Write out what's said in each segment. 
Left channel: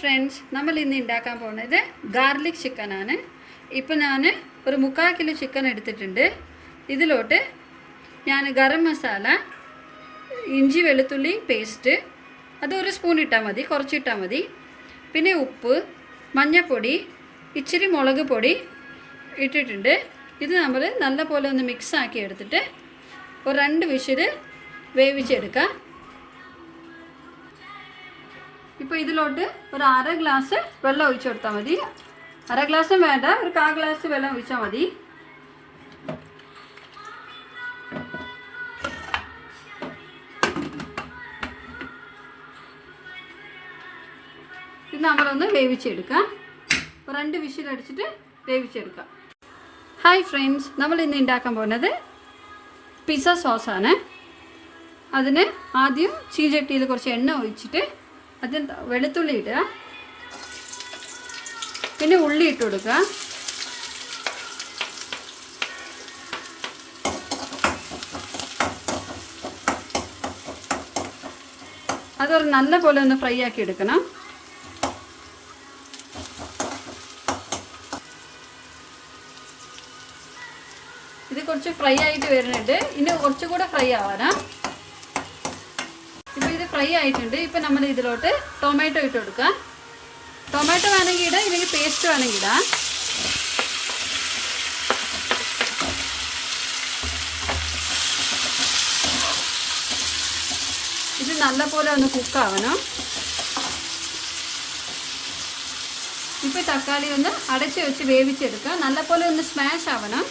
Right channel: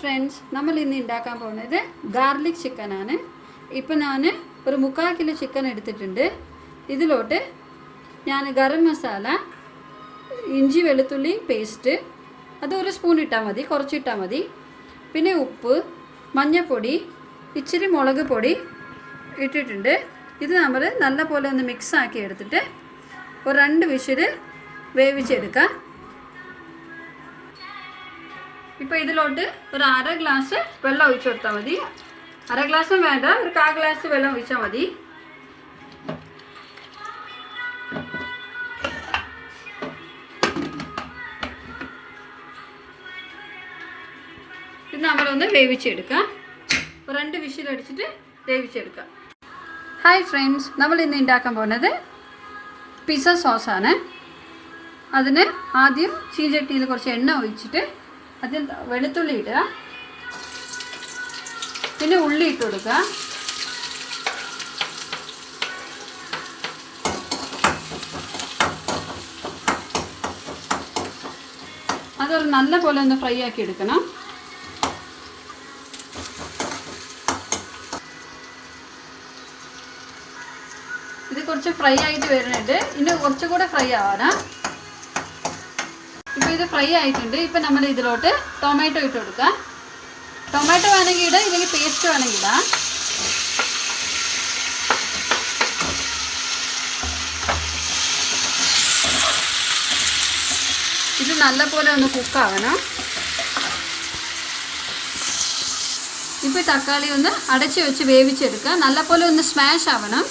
Friends, നമ്മൾ ഇന്ന് ഉണ്ടാക്കാൻ പോകുന്നത് ഗാർലിക് ചിക്കനാണ്. ഇപ്പോൾ ഞാൻ ഒരു 3/4 കിലോ ചിക്കൻ എടുത്തിട്ടുണ്ട്. ഇതിലോട്ട് ഞാൻ ഗരം മസാല, ഇഞ്ചി വെളുത്തുള്ളി പേസ്റ്റ് അത് 1 സ്പൂൺ ഇട്ടാൽ മതി, കുറച്ചിട്ടാൽ മതി. പിന്നെ ഉപ്പ്, മഞ്ഞൾപ്പൊടി, ഇച്ചിരി മുളക് പൊടി ഇട്ടിട്ടുണ്ട്. ഇത് നമ്മൾ നല്ലപോലെ ഒന്ന് മിക്സ് ആക്കി എടുത്തിട്ട് ഒരു 2 വിസിൽ വേവിച്ചെടുക്കാം. ഇപ്പോൾ ഇതിലോട്ട് ഒരു 1/2 ഗ്ലാസ് വെള്ളം ഒഴിച്ചു കൊടുത്താൽ മതി. 1/2 ഗ്ലാസും വേണ്ട, ഒരു 1/4 ഗ്ലാസ് വെള്ളം ഒഴിച്ചാൽ മതി. ഇത് നമ്മളൊന്ന് വേവിച്ചെടുക്കാം. 2 വിസിൽ അടിച്ചിട്ട് വേവിച്ചെടുക്കാം. ഹായ് ഫ്രണ്ട്സ്, നമ്മൾ ഇന്ന് ഉണ്ടാക്കാൻ പോകുന്നത് പിസ്സ സോസാണ്. അതിന് ആദ്യം ചീചട്ടിയിൽ കുറച്ച് എണ്ണ ഒഴിച്ചിട്ട് അതിൽ വെളുത്തുള്ളി ഇടുക, പിന്നെ ഉള്ളി ഇട്ട് കൊടുക്കുക. അതൊരു നല്ല പോലെ ഒന്ന് ഫ്രൈ ആക്കി എടുക്കണം. ഇത് കുറച്ച് ഫ്രൈ ആയിട്ട് വരുന്നുണ്ട്, ഇനി കുറച്ചുകൂടെ ഫ്രൈ ആവാനാ. ഇപ്പോൾ ഇത് ഫ്രൈ ആയിട്ടുണ്ട്. ഇപ്പോൾ നമ്മൾ ഇതിലോട്ട് ടൊമാറ്റോ ഇട്ട് കൊടുക്കാം. ടൊമാറ്റോ വേണമെങ്കിൽ ഇടാം, ഇല്ലെങ്കിൽ പേസ്റ്റ് വേണമെങ്കിൽ ഇടാം. ഇത് നല്ലപോലെ ഒന്ന് കുക്കാവണം. ഇപ്പോൾ തക്കാളി ഒന്ന് അടച്ച് വെച്ച് വേവിച്ചെടുക്കുക. നല്ലപോലെ ഒന്ന് സ്മാഷ് ആവണം.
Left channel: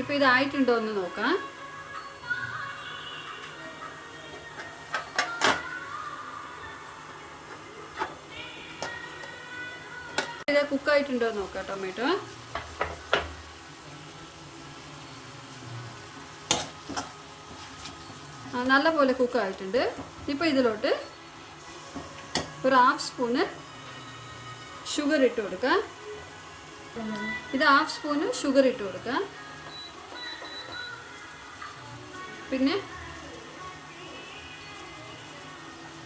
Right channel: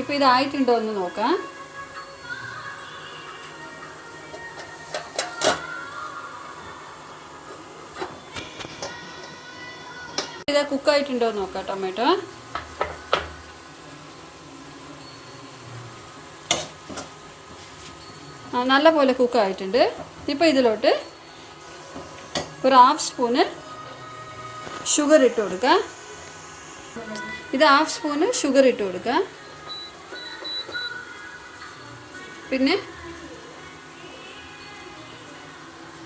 ഇപ്പോൾ ഇതായിട്ടുണ്ടോ എന്ന് നോക്കാം. ഇത് കുക്കായിട്ടുണ്ടോ എന്ന് നോക്കാം. ടൊമാറ്റോ നല്ല പോലെ കുക്കായിട്ടുണ്ട്. ഇപ്പോൾ ഇതിലോട്ട് ഒരു 1/2 സ്പൂണ് ഷുഗർ ഇട്ട് കൊടുക്കുക. ഇത് 1/2 സ്പൂണ് ഷുഗർ ഇട്ട് കൊടുക്കുക. പിന്നെ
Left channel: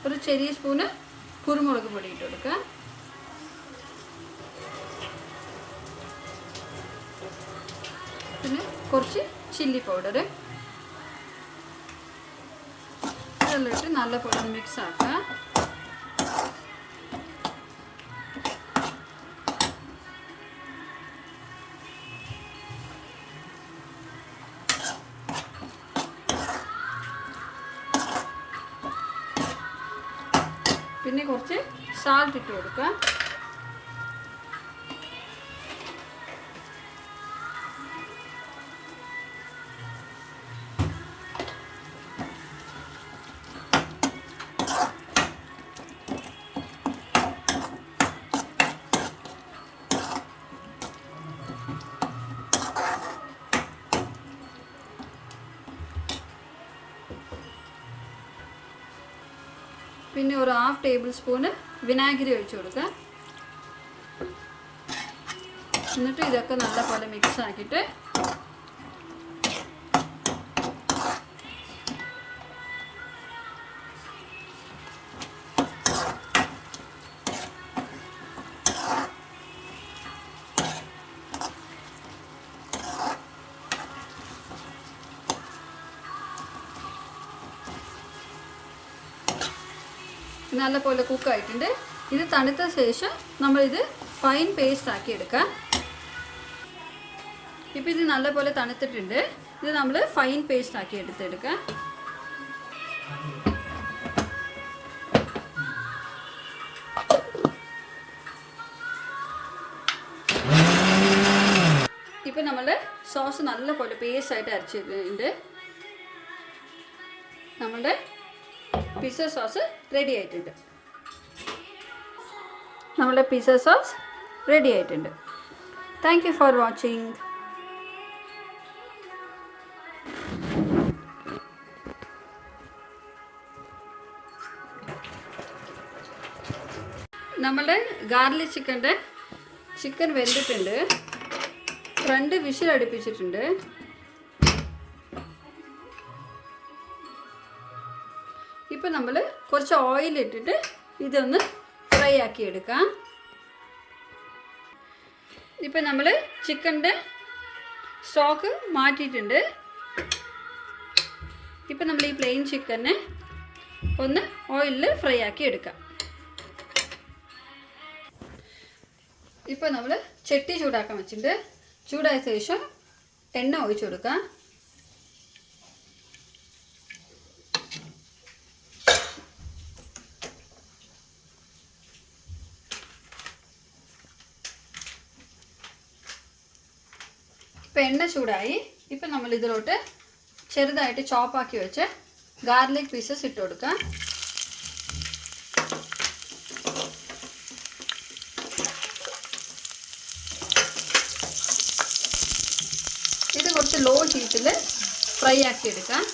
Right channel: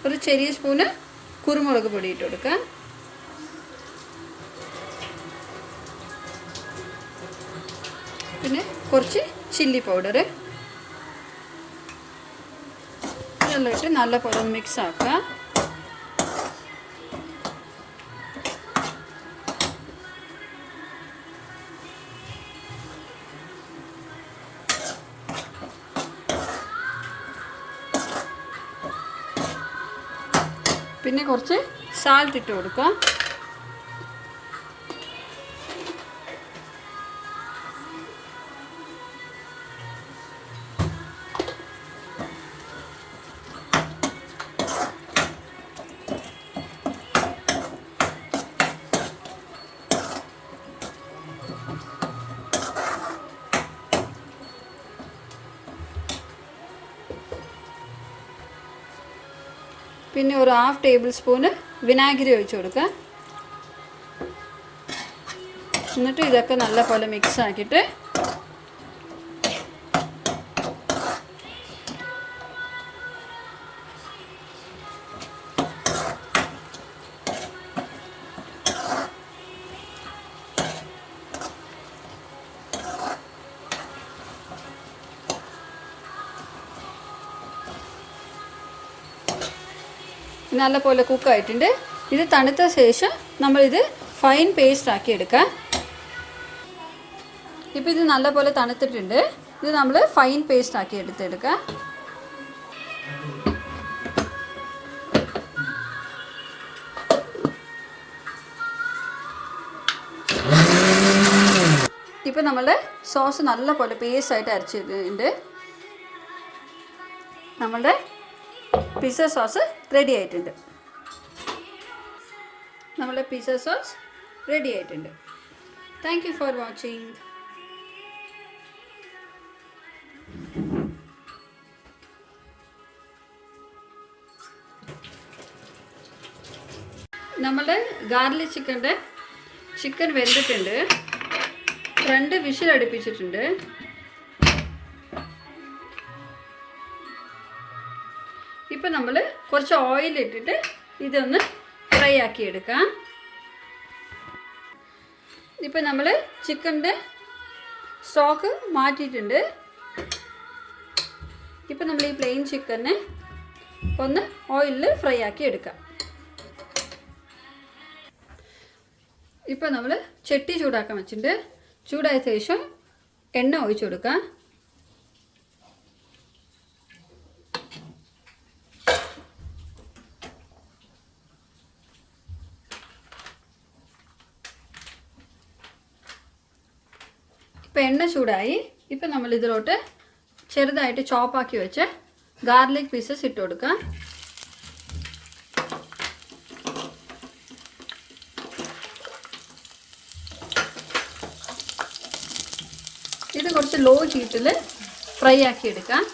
ഒരു ചെറിയ സ്പൂണ് കുരുമുളക് പൊടി ഇട്ട് കൊടുക്കുക. പിന്നെ കുറച്ച് ചില്ലി പൗഡർ ഇതെല്ലാം ഇട്ട് നല്ലപോലെ മിക്സ് ആക്കുക. പിന്നെ കുറച്ച് സാൾട്ട് ഇട്ട് കൊടുക്കുക. പിന്നെ ഒരു 1/2 ടേബിൾ സ്പൂണ് വിനാഗിരി ഒഴിച്ച് കൊടുക്കുക. എന്നിട്ട് ഇതൊക്കെ നല്ലപോലെ മിക്സ് ആക്കിയിട്ട് നല്ലപോലെ കുക്കായിട്ടുണ്ട്. ഇത് തണുത്ത ശേഷം നമ്മളിത് ഫൈൻ പേസ്റ്റ് ആക്കി എടുക്കാം. ഇപ്പോൾ ഇത് നല്ലപോലെ തണുത്തിട്ടുണ്ട്. ഇത് നമ്മൾ ഫൈൻ പേസ്റ്റ് ആക്കി എടുത്തെടുക്കാം. ഇപ്പോൾ നമ്മളുടെ സോസ് നല്ലപോലെ പേസ്റ്റ് ആയിട്ട് അരച്ചിട്ടുണ്ട്. നമ്മളുടെ പിസ്സ സോസ് റെഡി ആയിട്ടുണ്ട്. നമ്മളുടെ പിസ്സ സോസ് റെഡി ആയിട്ടുണ്ട്. Thank you for watching. നമ്മളുടെ ഗാർലിക് ചിക്കൻ വെന്തിട്ടുണ്ട്. 2 വിസിൽ അടുപ്പിച്ചിട്ടുണ്ട്. ഇപ്പോൾ നമ്മൾ കുറച്ച് കുറച്ച് ഓയിൽ ഇട്ടിട്ട് ഇതൊന്ന് ഫ്രൈ ആക്കി എടുക്കാം. ഇപ്പം നമ്മൾ ചിക്കൻ്റെ സ്റ്റോക്ക് മാറ്റിയിട്ടുണ്ട്. ഇപ്പം നമ്മൾ ഈ പ്ലെയിൻ ചിക്കനെ ഒന്ന് ഓയിലിൽ ഫ്രൈ ആക്കി എടുക്കാം. ഇപ്പോൾ നമ്മൾ ചട്ടി ചൂടാക്കാൻ വെച്ചിട്ടുണ്ട്. ചൂടായ ശേഷം എണ്ണ ഒഴിച്ചു കൊടുക്കാം. ഇപ്പോൾ എണ്ണ ചൂടായി. ഇപ്പം നമ്മൾ ഇതിലോട്ട് ചെറുതായിട്ട് ചോപ്പാക്കി വെച്ച് ഗാർലിക് പീസസ് ഇട്ട് കൊടുക്കാം. ഇത് കുറച്ച് ലോ ഹീറ്റിൽ ഫ്രൈ ആക്കി എടുക്കാം.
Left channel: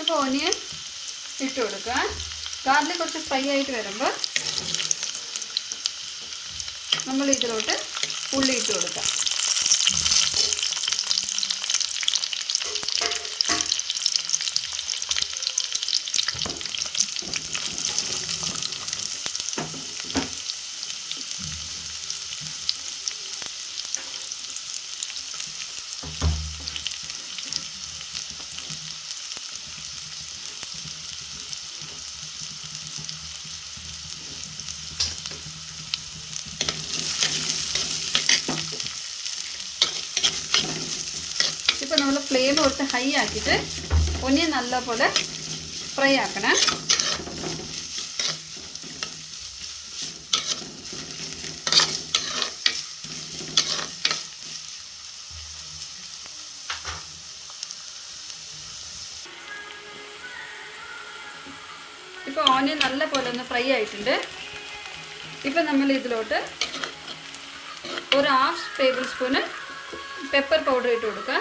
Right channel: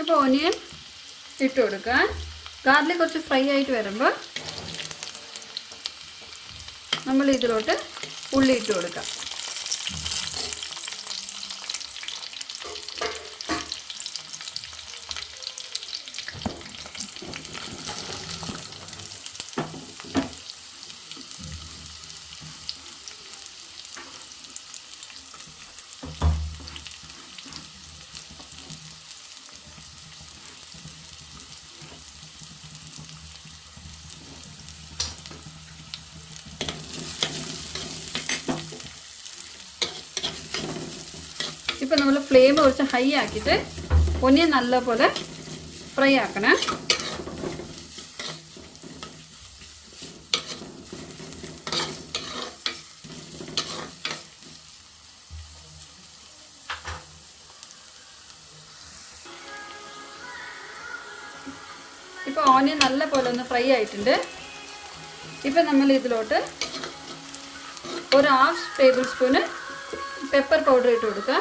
ഇപ്പോൾ ഓനിയൻ ഇട്ട് കൊടുക്കുക. ഗാർലിക് കുറച്ച് ഫ്രൈ ആയിട്ട് വരുമ്പോൾ നമ്മൾ ഇതിലോട്ട് ഉള്ളി ഇട്ട് കൊടുക്കാം. ഇപ്പോൾ നമ്മൾ ഫ്ലെയിം കുറച്ച് ഹൈ ആക്കിയിട്ട് ഒനിയൻ നല്ലപോലെ ഫ്രൈ ആക്കണം. ഇപ്പോൾ ഓനിയൻ നല്ലപോലെ ഒന്ന് ഫ്രൈ ആയിട്ടുണ്ട്. ഇപ്പോൾ നമ്മൾ ഇതിലോട്ട് ഒരു 1/2 ടേബിൾ സ്പൂണ് പെപ്പർ പൗഡർ ഇട്ട് കൊടുക്കുക.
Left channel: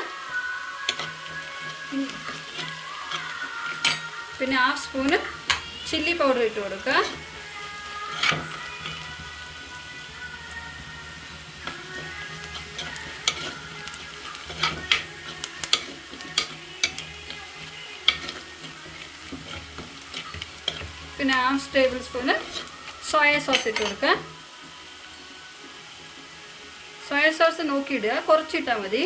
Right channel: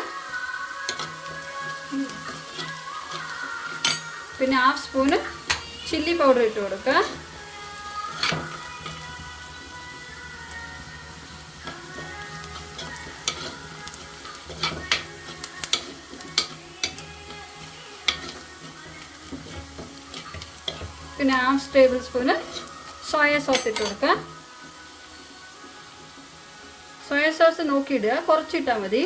പിന്നെ 1/2 സ്പൂണ് ചില്ലി പൗഡർ ഇട്ട് കൊടുക്കുക. പിന്നെ 1/2 ടേബിൾ സ്പൂണ് സോയ സോസ് ഇട്ട് കൊടുക്കുക. സോയ സോസ് നോക്കിയിടുക, കുറച്ചിട്ടാൽ മതി.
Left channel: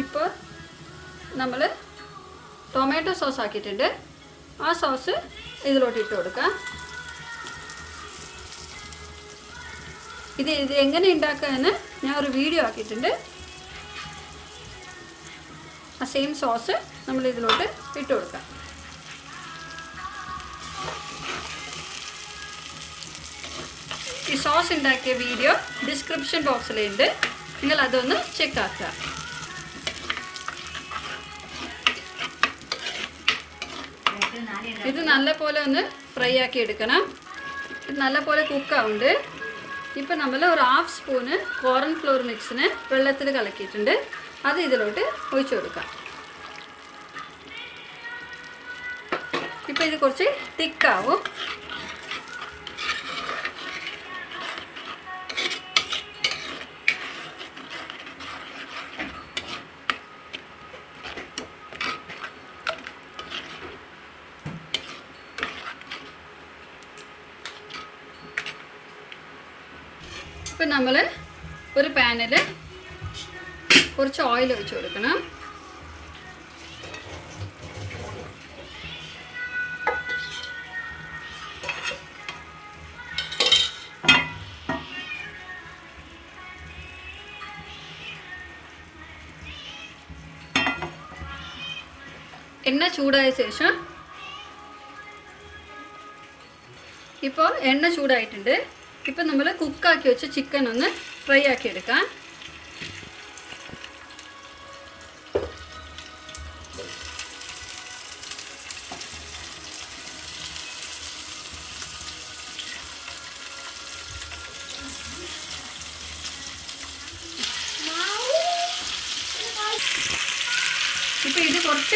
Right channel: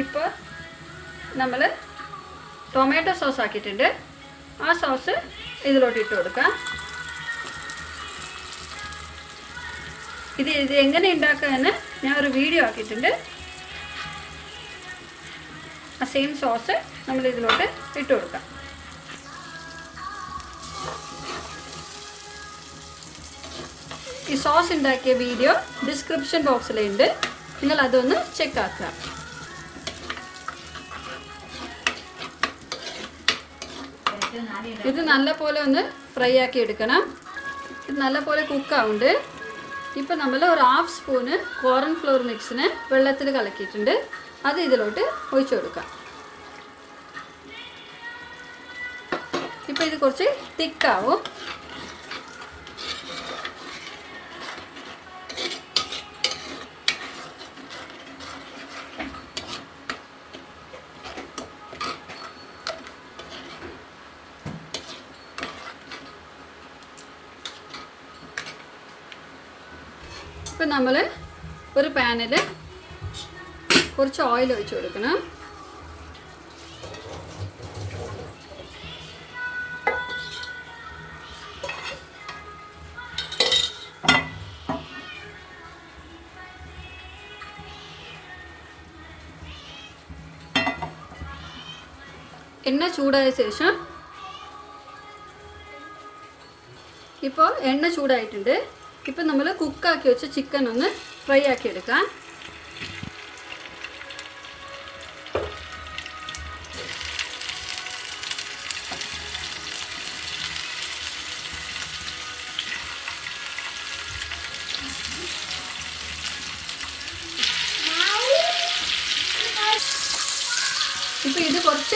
ഇപ്പോൾ നമ്മൾ ടൊമാറ്റോ സോസ് ആക്കിയിട്ടുണ്ട്. ആ സോസ് ഇതിലോട്ട് ഇട്ട് കൊടുക്കാം. ഇത് എങ്ങനെ ഉണ്ടാക്കാമെന്ന് ഞാൻ ഒരു വീഡിയോ ആക്കിയിട്ടുണ്ട്. ആ സെയിം സോസ് നമ്മൾ ഇതിലോട്ട് ഇട്ട് കൊടുക്കാം. ഈ സോസ് ഉണ്ടാക്കിയ വീഡിയോ ഡിസ്ക്രിപ്ഷൻ ബോക്സിലുണ്ട്, നിങ്ങൾ അതൊന്ന് ചെക്ക് ആക്കുക. ഇത് നല്ലപോലെ ഒന്ന് ഫ്രൈ ആക്കി എടുക്കണം. ഇത് നല്ലപോലെ കുക്കാവുണ്ട്. ഇപ്പോൾ നമ്മൾ ഒരു 1/2 സ്പൂണ് കോർൺ ഫ്ലോർ മിക്സിന് വെള്ളത്തിൽ കലക്കിയിട്ടുണ്ട്. അത് ഇതിലോട്ട് ഒഴിച്ചു കൊടുക്കാം. ഇപ്പോൾ ഇത് കുറച്ച് തിക്കാവും. ഇപ്പം നമ്മൾ ഒരു പാനിൽ കുറച്ച് ഓയിൽ ഒഴിച്ച് കൊടുക്കണം. എണ്ണ ചൂടായ ശേഷം ഇപ്പോൾ എണ്ണ ചൂടായിട്ടുണ്ട്. ഇപ്പം നമ്മൾ കുക്കാക്കി വെച്ച ചിക്കൻ ഒന്ന് ഫ്രൈ ആക്കി എടുക്കാം.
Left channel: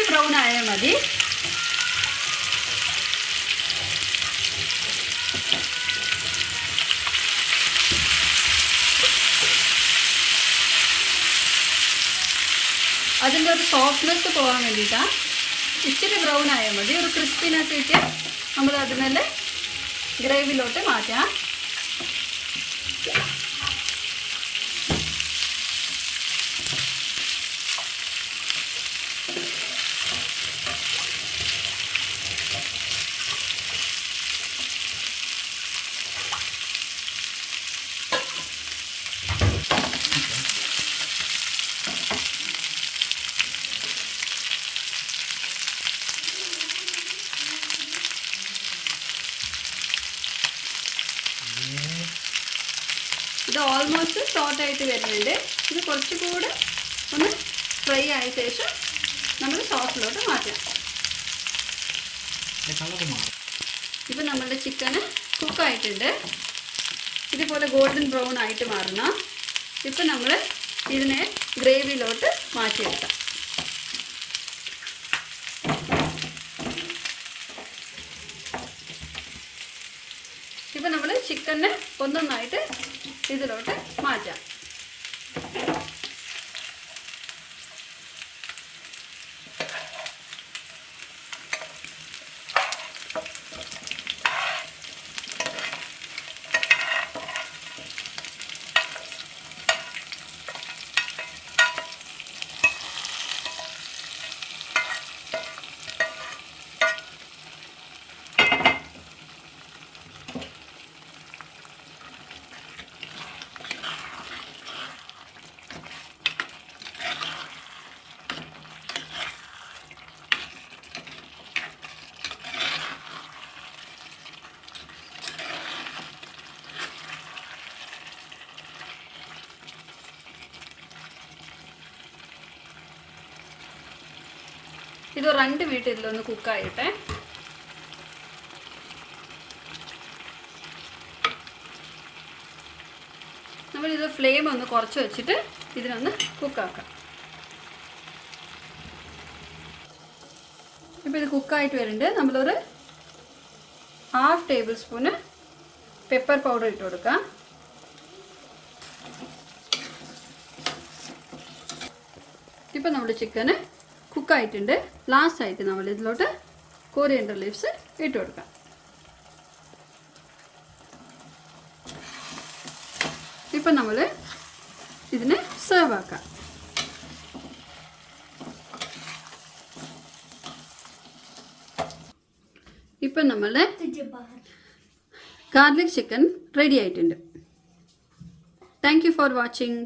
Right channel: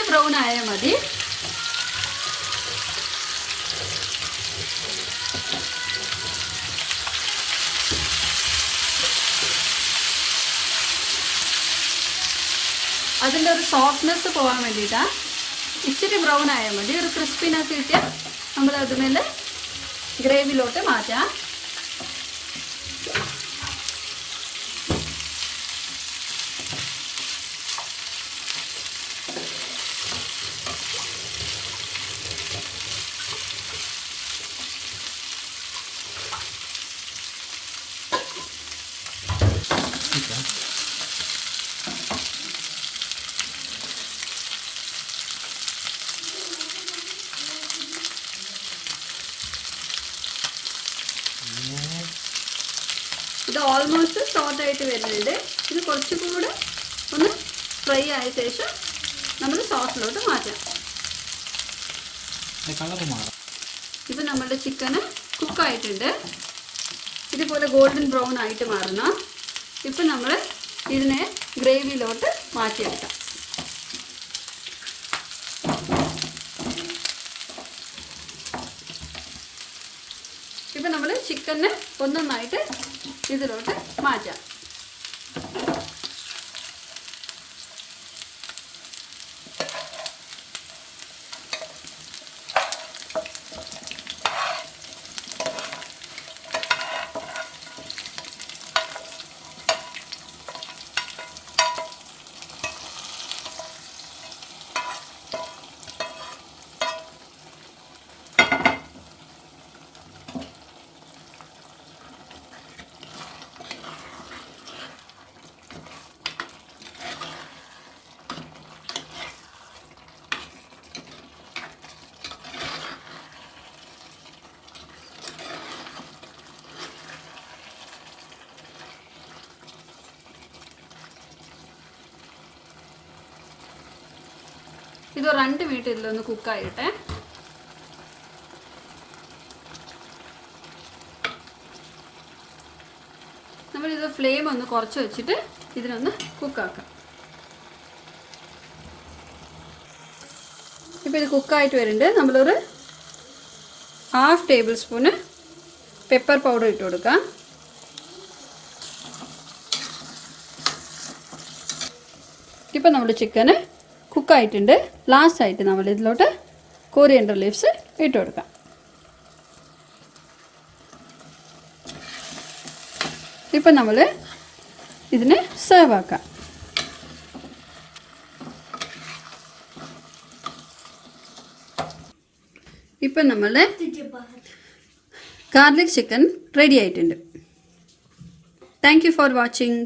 ഇച്ചിരി ബ്രൗൺ ആയാൽ മതി. അതിൻ്റെ ഒരു സോഫ്റ്റ്നെസ് പോകാൻ വേണ്ടിയിട്ടാണ്. ഇച്ചിരി ബ്രൗൺ ആയാൽ മതി. ഒരു ക്രിസ്പിനെസ് കിട്ടിയാൽ നമ്മൾ അതുമേലെ ഗ്രേവിയിലോട്ട് മാറ്റാം. ഇത് ഓൾമോസ്റ്റ് സോട്ടായിട്ട് വരുന്നുണ്ട്. ഇത് കുറച്ചുകൂടെ ഒന്ന് ഫ്രൈ ആയ ശേഷം നമ്മൾ സോസിലോട്ട് മാറ്റാം. ഇപ്പം നമ്മളുടെ ചിക്കന് കുക്കായിട്ടുണ്ട്. ഇതുപോലെ ഗോൾഡൻ ബ്രൗൺ ആയിട്ട് മാറണം. ഇപ്പം നമ്മൾ ഇതിനെ ഗ്രേവിയിലോട്ട് മാറ്റിയെടുക്കാം. ഇപ്പം നമ്മൾ ചിക്കനെ ഒന്നൊന്നായിട്ട് ഇതിലോട്ട് മാറ്റാം. ഇത് 2 മിനിറ്റ് ഇതിലൊന്ന് കുക്കായിട്ടെ. നമ്മളിത് ഫ്ലെയിം ഒന്ന് കുറച്ച് വെച്ചിട്ട് ഇതിനൊന്ന് കുക്കാക്കാം. ഇപ്പോൾ ഇത് കുക്കായിട്ട് വരുന്നുണ്ട്. നമ്മളൊരു 1/2 ടേബിൾ സ്പൂണ് പെപ്പർ പൗഡർ ഇട്ട് കൊടുക്കാം. ഇപ്പം നമ്മുടെ ചിക്കന് കുക്കായിട്ടുണ്ട്. ലാസ്റ്റായിട്ട് നമ്മൾ ഇതിലോട്ട് കൊറിയൻഡർ ലീവ്സ് ഇട്ട് കൊടുക്കാം. ഇപ്പം നമ്മൾ ഇതിനെ സെർവ് ആക്കാം. ഇപ്പം നമ്മളുടെ ഗാർലിക് ചിക്കൻ റെഡി ആയിട്ടുണ്ട്. Thank you for watching.